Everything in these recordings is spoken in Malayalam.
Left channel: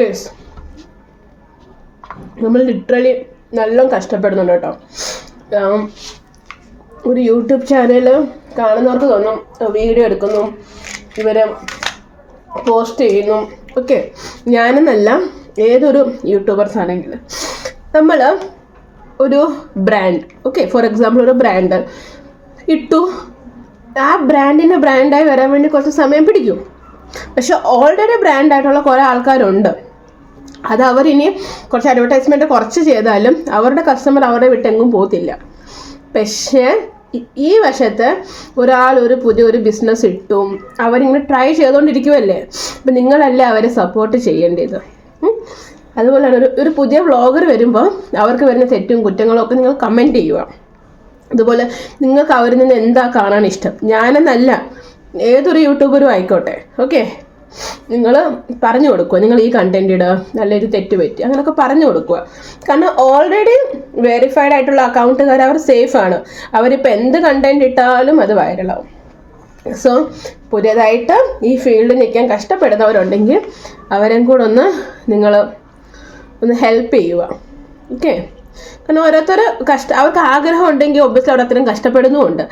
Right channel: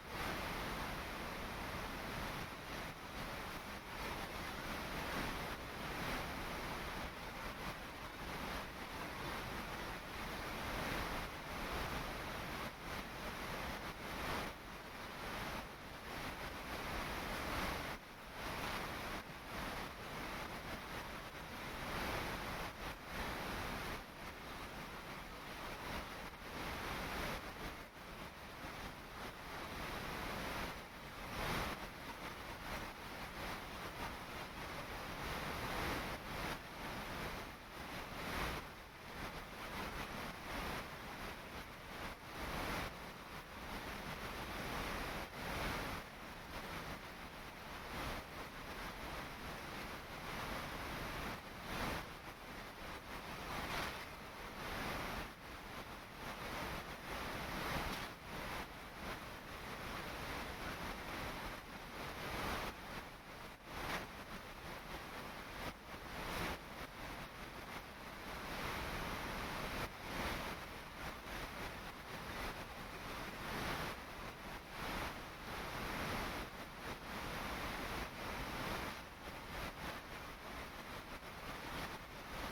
യെസ്, നമ്മൾ ലിറ്ററലി നല്ല കഷ്ടപ്പെടുന്നുണ്ട് കേട്ടോ. ഒരു യൂട്യൂബ് ചാനൽ കാണുന്നവർക്ക് തോന്നും വീഡിയോ എടുക്കുന്നു, ഇവർ പോസ്റ്റ് ചെയ്യുന്നു. ഓക്കെ, ഞാനെന്നല്ല, ഏതൊരു യൂട്യൂബേഴ്സ് ആണെങ്കിലും നമ്മൾ ഒരു ബ്രാൻഡ്, ഓക്കെ, ഫോർ എക്സാമ്പിൾ ഒരു ബ്രാൻഡ് ഇട്ടു, ആ ബ്രാൻഡിൻ്റെ ബ്രാൻഡായി വരാൻ വേണ്ടി കുറച്ച് സമയം പിടിക്കും. പക്ഷെ ഓൾറെഡി ബ്രാൻഡായിട്ടുള്ള കുറേ ആൾക്കാരുണ്ട്. അത് അവരിനി കുറച്ച് അഡ്വർടൈസ്മെൻറ്റ് കുറച്ച് ചെയ്താലും അവരുടെ കസ്റ്റമർ അവരെ വിട്ടെങ്ങും പോകത്തില്ല. പക്ഷേ ഈ വശത്ത് ഒരാൾ ഒരു പുതിയൊരു ബിസിനസ് ഇട്ടു, അവരിങ്ങനെ ട്രൈ ചെയ്തുകൊണ്ടിരിക്കുമല്ലേ, അപ്പം നിങ്ങളല്ലേ അവരെ സപ്പോർട്ട് ചെയ്യേണ്ടത്. അതുപോലെ തന്നെ ഒരു പുതിയ വ്ളോഗർ വരുമ്പോൾ അവർക്ക് വരുന്ന തെറ്റും കുറ്റങ്ങളും ഒക്കെ നിങ്ങൾ കമൻറ്റ് ചെയ്യുക. അതുപോലെ നിങ്ങൾക്ക് അവരിൽ നിന്ന് എന്താ കാണാൻ ഇഷ്ടം, ഞാനെന്നല്ല, ഏതൊരു യൂട്യൂബറും ആയിക്കോട്ടെ, ഓക്കെ, നിങ്ങൾ പറഞ്ഞു കൊടുക്കുക, നിങ്ങൾ ഈ കണ്ടൻറ് ഇടുക, നല്ലൊരു തെറ്റ് പറ്റി, അങ്ങനെയൊക്കെ പറഞ്ഞു കൊടുക്കുക. കാരണം ഓൾറെഡി വെരിഫൈഡ് ആയിട്ടുള്ള അക്കൗണ്ടുകാർ അവർ സേഫാണ്. അവരിപ്പോൾ എന്ത് കണ്ടൻറ് ഇട്ടാലും അത് വൈറലാവും. സോ പുതിയതായിട്ട് ഈ ഫീൽഡിൽ നിൽക്കാൻ കഷ്ടപ്പെടുന്നവരുണ്ടെങ്കിൽ അവരെയും കൂടെ നിങ്ങൾ ഒന്ന് ഹെൽപ്പ് ചെയ്യുക. ഓക്കെ, കാരണം ഓരോരുത്തർ അവർക്ക് ആഗ്രഹം ഉണ്ടെങ്കിൽ ഒബ്വിയസ്ലി അവിടെ അത്രയും കഷ്ടപ്പെടുന്നുമുണ്ട്.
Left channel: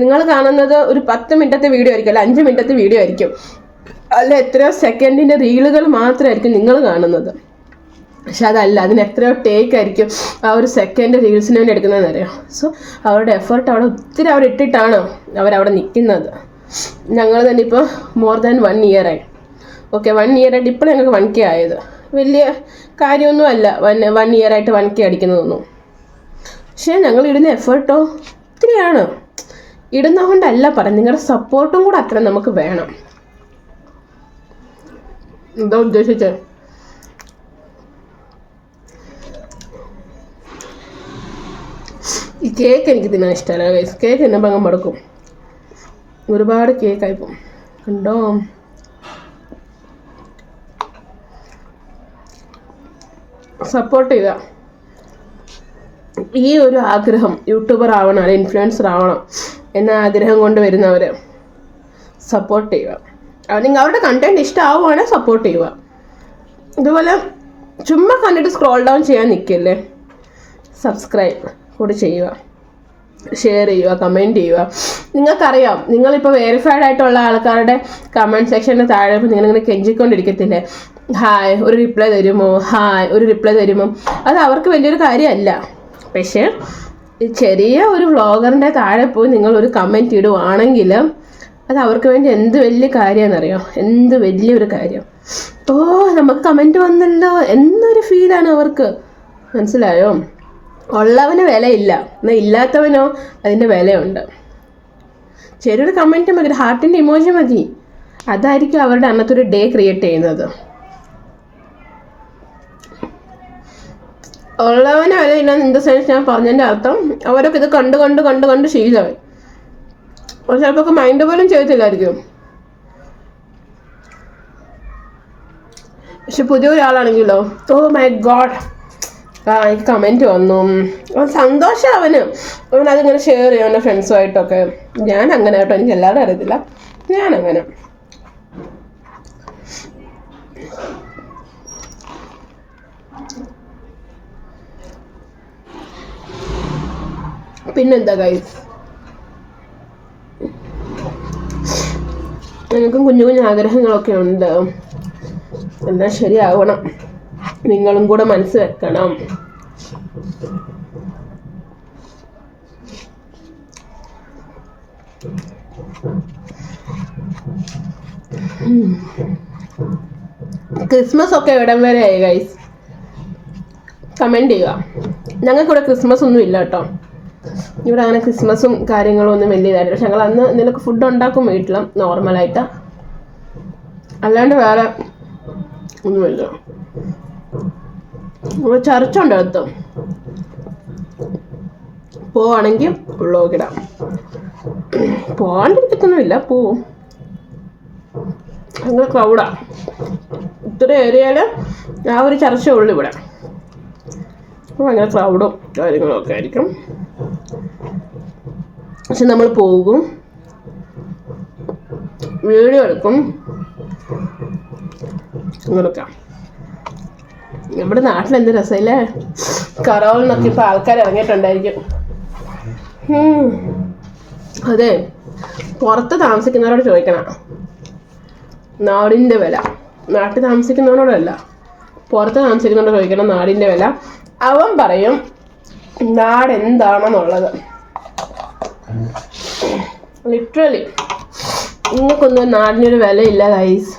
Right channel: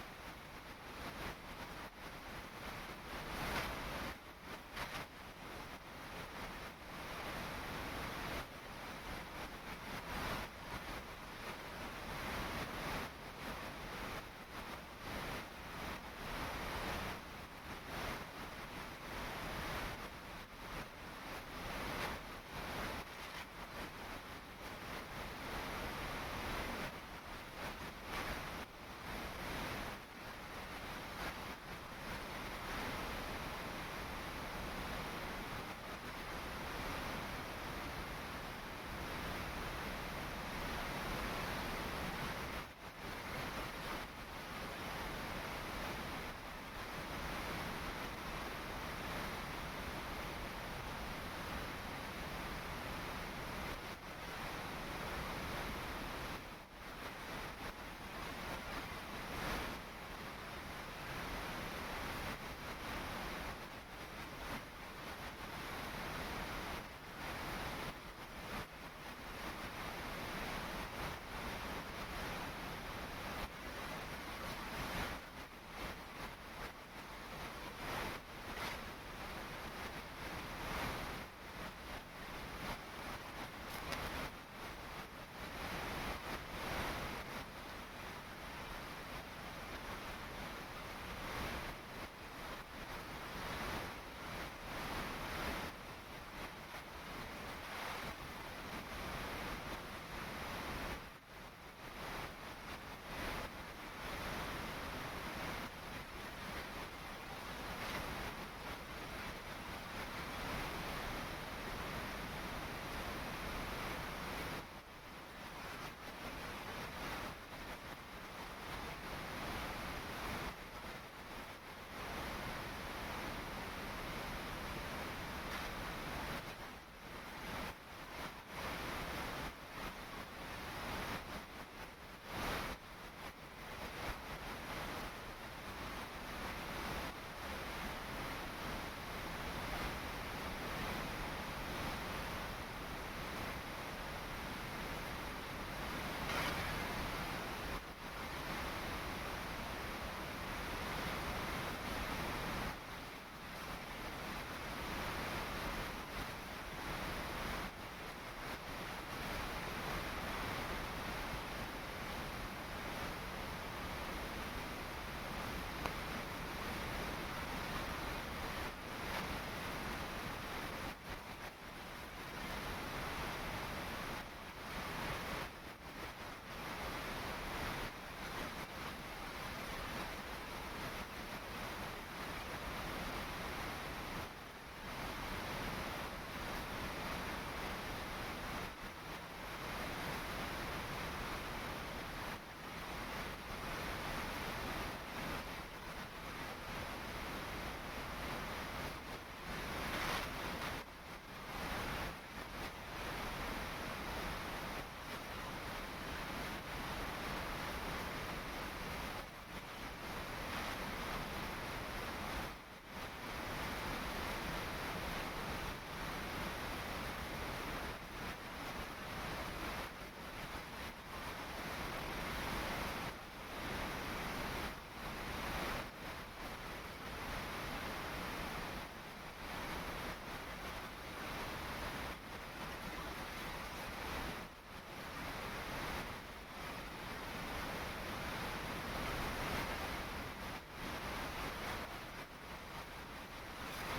നിങ്ങൾ കാണുന്നത് ഒരു 10 മിനിറ്റത്തെ വീഡിയോ ആയിരിക്കും, അല്ല 5 മിനിറ്റത്തെ വീഡിയോ ആയിരിക്കും, അല്ല എത്രയോ സെക്കൻഡിൻ്റെ റീലുകൾ മാത്രമായിരിക്കും നിങ്ങൾ കാണുന്നത്. പക്ഷെ അതല്ല, അതിന് എത്രയോ ടേക്ക് ആയിരിക്കും ആ ഒരു സെക്കൻഡ് റീൽസിന് വേണ്ടി എടുക്കുന്നതെന്ന് അറിയാം. സോ അവരുടെ എഫേർട്ട് അവിടെ ഒത്തിരി അവിടെ ഇട്ടിട്ടാണ് അവരവിടെ നിൽക്കുന്നത്. ഞങ്ങൾ തന്നെ ഇപ്പോൾ മോർ ദാൻ 1 ഇയറായി. ഓക്കെ, 1 ഇയറായിട്ട് ഇപ്പോൾ ഞങ്ങൾക്ക് 1K ആയത് വലിയ കാര്യമൊന്നും അല്ല. 1 ഇയറായിട്ട് 1K അടിക്കുന്നതൊന്നും. പക്ഷേ ഞങ്ങൾ ഇടുന്ന എഫേർട്ടോ ഒത്തിരിയാണ്. ഇടുന്ന കൊണ്ടല്ല പറയാം, നിങ്ങളുടെ സപ്പോർട്ടും കൂടെ അത്ര നമുക്ക് വേണം. എന്താ ഉദ്ദേശിച്ചത്? ഈ കേക്ക് എനിക്ക് തിന്നാൻ ഇഷ്ടമല്ല ഗൈസ്. കേക്ക് തിന്നുമ്പോൾ അങ്ങ് മടുക്കും, ഒരുപാട് കേക്കായിപ്പോൾ ഉണ്ടോ. സപ്പോർട്ട് ചെയ്യുക. ഈ ഒരു ആഗ്രഹം, യൂട്യൂബർ ആവണം അല്ലെങ്കിൽ ഇൻഫ്ലുവൻസർ ആവണം എന്ന ആഗ്രഹം കൊണ്ട് വരുന്നവർ സപ്പോർട്ട് ചെയ്യുക. നിങ്ങൾ അവരുടെ കണ്ടൻറ് ഇഷ്ടമാവുകയാണെങ്കിൽ സപ്പോർട്ട് ചെയ്യുക. ഇതുപോലെ ചുമ്മാ കണ്ടിട്ട് സ്ക്രോൾ ഡൗൺ ചെയ്യാൻ നിൽക്കല്ലേ, സബ്സ്ക്രൈബ് കൂടി ചെയ്യുക, ഷെയർ ചെയ്യുക, കമൻറ്റ് ചെയ്യുക. നിങ്ങൾക്കറിയാം, നിങ്ങളിപ്പോൾ വെരിഫൈഡ് ആയിട്ടുള്ള ആൾക്കാരുടെ കമൻറ്റ് സെക്ഷൻ്റെ താഴെ ഇപ്പോൾ നിങ്ങളിങ്ങനെ കെഞ്ചിക്കൊണ്ടിരിക്കത്തില്ലേ, ഹായ് ഒരു റിപ്ലൈ തരുമോ, ഹായ് ഒരു റിപ്ലൈ തരുമോ. അത് അവർക്ക് വലിയൊരു കാര്യമല്ല. പക്ഷേ ഈ ചെറിയ ഒരു വ്ളോഗറിൻ്റെ താഴെ പോയി നിങ്ങളൊരു കമൻറ്റ് ഇടുവാണെങ്കിൽ അത് അവർക്ക് വേണ്ടി എന്ത് വലിയ കാര്യമാണെന്നറിയോ, എന്ത് വലിയൊരു കാര്യം. ഓ നമുക്ക് കമൻറ്റ് വന്നല്ലോ എന്നൊരു ഫീലാണ് അവർക്ക്. മനസ്സിലായോ? ഉള്ളവന് വിലയില്ല, എന്നാൽ ഇല്ലാത്തവനോ അതിൻ്റെ വിലയുണ്ട്. ചെറിയൊരു കമൻറ്റ് മതി, ഒരു ഹാർട്ടിൻ്റെ ഇമോജി മതി, അതായിരിക്കും അവരുടെ അന്നത്തെ ഒരു ഡേ ക്രിയേറ്റ് ചെയ്യുന്നത്. ഉള്ളവന് വിലയില്ല ഇൻ ദ സെൻസ് ഞാൻ പറഞ്ഞതിൻ്റെ അർത്ഥം അവരൊക്കെ ഇത് കണ്ട് കണ്ട് കണ്ട് കണ്ട് ശീലമായി. ചിലപ്പോൾ മൈൻഡ് പോലും ചെയ്തില്ലായിരിക്കും. പക്ഷെ പുതിയൊരാളാണെങ്കിലോ, ഓ മൈ ഗോഡ് എനിക്ക് കമൻറ്റ് വന്നു, സന്തോഷം അവനതിങ്ങനെ ഷെയർ ചെയ്യും അവൻ്റെ ഫ്രണ്ട്സുമായിട്ടൊക്കെ. ഞാൻ അങ്ങനെ കേട്ടോ, എനിക്ക് എല്ലാവരും അറിയത്തില്ല, ഞാനങ്ങനെ. പിന്നെന്താ ഗൈസ്, എനിക്കും കുഞ്ഞു കുഞ്ഞു ആഗ്രഹങ്ങളൊക്കെ ഉണ്ട്. എല്ലാം ശരിയാവണം, നിങ്ങളും കൂടെ മനസ്സ് വെക്കണം. ക്രിസ്മസ് ഒക്കെ ഇവിടം വരെ ആയി ഗൈസ്, കമൻറ്റ് ചെയ്യുക. ഞങ്ങൾക്കിവിടെ ക്രിസ്മസ് ഒന്നും ഇല്ല കേട്ടോ, ഇവിടെ അങ്ങനെ ക്രിസ്മസും കാര്യങ്ങളും ഒന്നും വലിയതായിട്ട്. പക്ഷെ ഞങ്ങൾ അന്ന് എന്തെങ്കിലുമൊക്കെ ഫുഡ് ഉണ്ടാക്കും വീട്ടിൽ നോർമലായിട്ട്, അല്ലാണ്ട് വേറെ ഒന്നുമില്ല. ഇവിടെ ചർച്ചുണ്ട് അടുത്ത്, പോവാണെങ്കിൽ വ്ളോഗിടാം. പോകാണ്ടിരിക്കത്തൊന്നുമില്ല, പോവും. അങ്ങനെ ക്രൗഡാ, ഇത്ര ഏരിയയിൽ ആ ഒരു ചർച്ചേ ഉള്ളൂ ഇവിടെ. ഭയങ്കര ക്രൗഡും കാര്യങ്ങളും ഒക്കെ ആയിരിക്കും. പക്ഷെ നമ്മൾ പോകും, വീഡിയോ എടുക്കും, അങ്ങനെയൊക്കെ. നമ്മുടെ നാട്ടിൽ എന്ത് രസമില്ലേ. കറോളിനൊക്കെ ഇപ്പം ആൾക്കാർ ഇറങ്ങിയിട്ടുണ്ടായിരിക്കും. അതെ, പുറത്ത് താമസിക്കുന്നവരോട് ചോദിക്കണം നാടിൻ്റെ വില. നാട്ടിൽ താമസിക്കുന്നവരോടല്ല, പുറത്ത് താമസിക്കുന്നവരോട് ചോദിക്കണം നാടിൻ്റെ വില. അവൻ പറയും നാട് എന്താണെന്നുള്ളത്. ലിറ്ററലി നിങ്ങൾക്കൊന്നും നാടിനൊരു വിലയില്ല ഗൈസ്.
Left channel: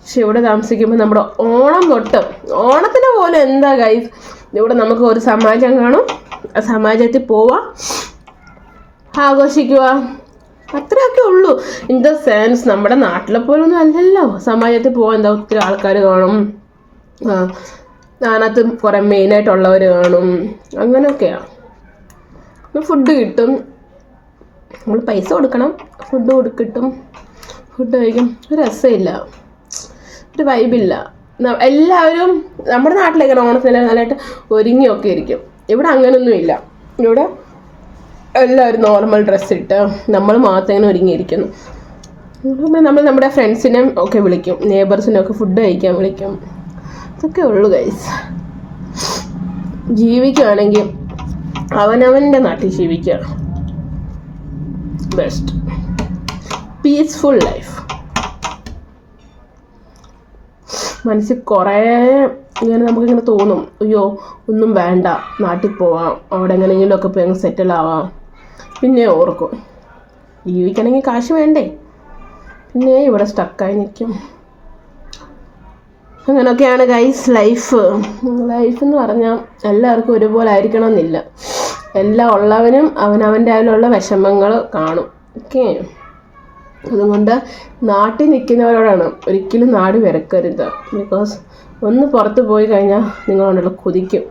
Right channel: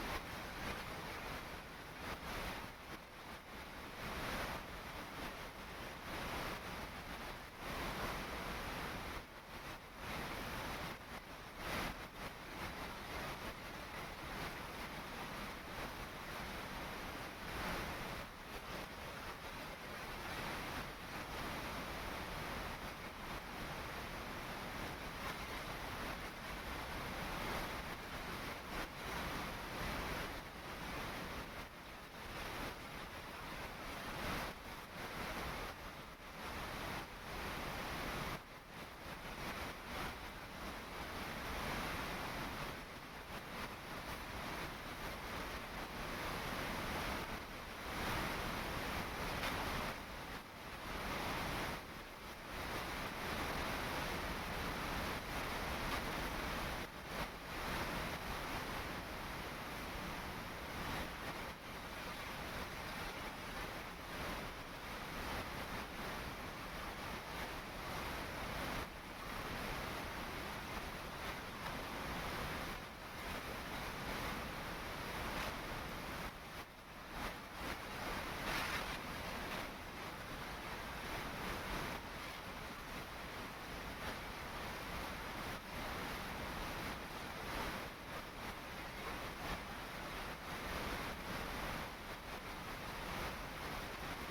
പക്ഷെ ഇവിടെ താമസിക്കുമ്പോൾ നമ്മുടെ ഓണം തൊട്ട് ഓണത്തിന് പോലെ എന്താ ഗൈസ്, ഇവിടെ നമുക്ക് ഒരു സമാജം കാണും, ആ സമാജത്തിൽ പോവാം, ആഘോഷിക്കുക, അത്രയൊക്കെ ഉള്ളൂ. ഇൻ ദ സെൻസ് നമ്മുടെ നാട്ടിലെ പോലൊന്നും അല്ലല്ലോ. സമാജത്തിൽ പോകാൻ എന്താ ഒത്തിരി ആൾക്കാർ കാണും, അതിനകത്ത് കുറേ മെയിനായിട്ടുള്ളവർ കാണും, അങ്ങനെയൊക്കെയാണ്. ഫുഡ് കിട്ടും, നമ്മൾ പൈസ കൊടുക്കണം, ഫുഡ് കിട്ടും, ഫുഡ് കഴിക്കും. ഒരു രസമില്ല, ഒരു വൈബില്ല. എല്ലാവരും നമ്മുടെ നാട്ടിലേക്ക് ഓണത്തിന് നല്ലതായിട്ട് ഒരുങ്ങിയൊക്കെ ഇരിക്കും. ഇവിടെ അങ്ങനെയൊന്നുമില്ല. ഇവിടെ എല്ലാവരും നോർമൽ ഡ്രസ്സ് ഇട്ട് നമ്മൾ മാത്രം ഇങ്ങനെ ഒരുങ്ങിയിരിക്കുന്നു. നമ്മൾ നമ്മുടെ ഫ്രണ്ട്സിനെ ഒക്കെ വിളിക്കും, നെയ്ബേഴ്സിനെ ഒക്കെ ഫുഡ് കഴിക്കാൻ വിളിക്കും. ഇതൊക്കെ ഉള്ളു ഗൈസ്. ജീവിക്കുകയാണെങ്കിൽ അവനവൻ്റെ നാട്ടിൽ ജീവിക്കുക, ബെസ്റ്റ് പീസ്ഫുൾ ലൈഫ്. മനസ്സിൽ കുറേ ഇങ്ങനെ നമുക്കിങ്ങനെ തോന്നും, അയ്യോ ഒന്നും വേണ്ട, നാട്ടിൽ പോവാം, അവിടെ എങ്ങനെയെങ്കിലുമൊക്കെ പോയി അങ്ങ് സെറ്റിൽ ആവാം. പിന്നെ ഓർക്കും ജീവിക്കണമെങ്കിൽ കാശ് വേണ്ടേ, പിന്നെ ഇവിടെ സ്റ്റക്കായി നിൽക്കും. അങ്ങനെയൊക്കെയാണ് ഗൈസ് ലൈഫ്. ലൈഫ് എന്ന് പറഞ്ഞാൽ എല്ലാവർക്കും ഒരുപോലെ ആയിരിക്കണമെന്നില്ല. എല്ലാം ഉള്ളവനും അവനവൻ്റെ അതിലുള്ള വിഷമങ്ങൾ കാണും. ഓക്കെ, അതുകൊണ്ട് നാട്ടിൽ നിൽക്കുന്നവരോടാണ് ഒരിക്കലും നാട് വിരക്കരുത്. ബിക്കോസ് ഒന്ന് പുറത്ത് പോയി കഴിഞ്ഞാൽ നിങ്ങളുണ്ടല്ലോ കൊതിക്കും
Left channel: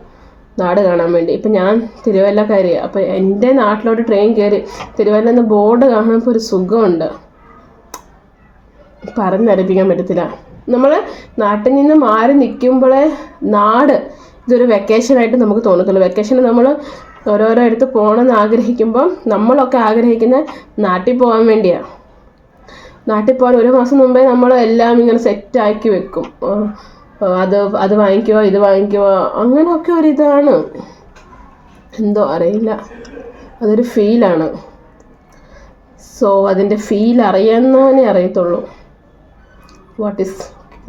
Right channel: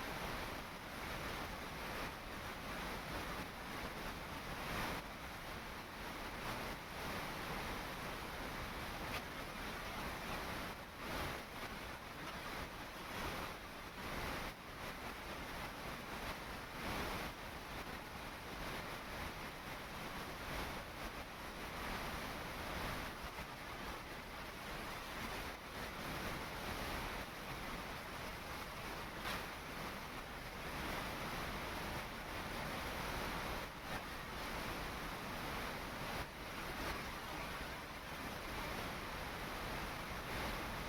നാട് കാണാൻ വേണ്ടി. ഇപ്പം ഞാൻ തിരുവല്ലക്കാരിയാണ്. അപ്പോൾ എൻ്റെ നാട്ടിലോട്ട് ട്രെയിൻ കയറി തിരുവല്ല എന്ന ബോർഡ് കാണുമ്പോൾ ഒരു സുഖമുണ്ട്, പറഞ്ഞറിയിപ്പിക്കാൻ പറ്റത്തില്ല. നമ്മൾ നാട്ടിൽ നിന്ന് മാറി നിൽക്കുമ്പോഴേ നാട് ഇതൊരു വെക്കേഷനായിട്ട് നമുക്ക് തോന്നത്തുള്ളൂ. വെക്കേഷന് നമ്മൾ ഓരോരോ അടുത്ത് പോകണമെന്ന് ആഗ്രഹിക്കുമ്പം നമ്മളൊക്കെ ആഗ്രഹിക്കുന്ന നാട്ടിൽ പോകാൻ വേണ്ടിയാണ്. നാട്ടിൽ പോകാൻ ഒരു മാസം മുമ്പേ നമ്മൾ എല്ലാം ഇങ്ങനെ സെറ്റാക്കി വെക്കും. അത് വാങ്ങിക്കുമോ ഇത് വാങ്ങിക്കുമോ അങ്ങനെയൊക്കെ ഒരിതാണ്. എന്തോ അറിയില്ല, അതൊരു ഫീലാണ്. സോ അതിൻ്റെ ഫീൽ അറിയാവുന്നവനെ അറിയത്തുള്ളൂ വാട്ട് ഈസ്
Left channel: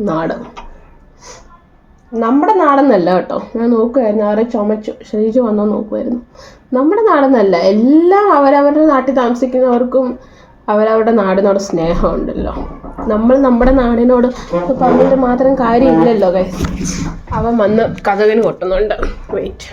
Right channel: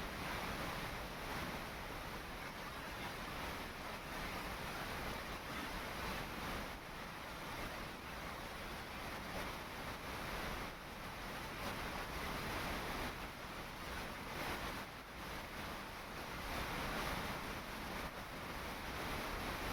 നാട്. നമ്മുടെ നാടെന്നല്ല കേട്ടോ, ഞാൻ നോക്കുമായിരുന്നു, ആരെ ചുമച്ചു ശരീരം വന്നോ നോക്കുമായിരുന്നു. നമ്മുടെ നാടെന്നല്ല, എല്ലാം അവരവരുടെ നാട്ടിൽ താമസിക്കുന്നവർക്കും അവരവരുടെ നാടിനോട് സ്നേഹമുണ്ടല്ലോ. നമ്മൾ നമ്മുടെ നാടിനോട് പറഞ്ഞിട്ട് മാത്രം കാര്യമില്ലല്ലോ ഗൈസ്. അവൻ വന്ന് കതകിന് കൊട്ടുന്നുണ്ട്, വെയിറ്റ്.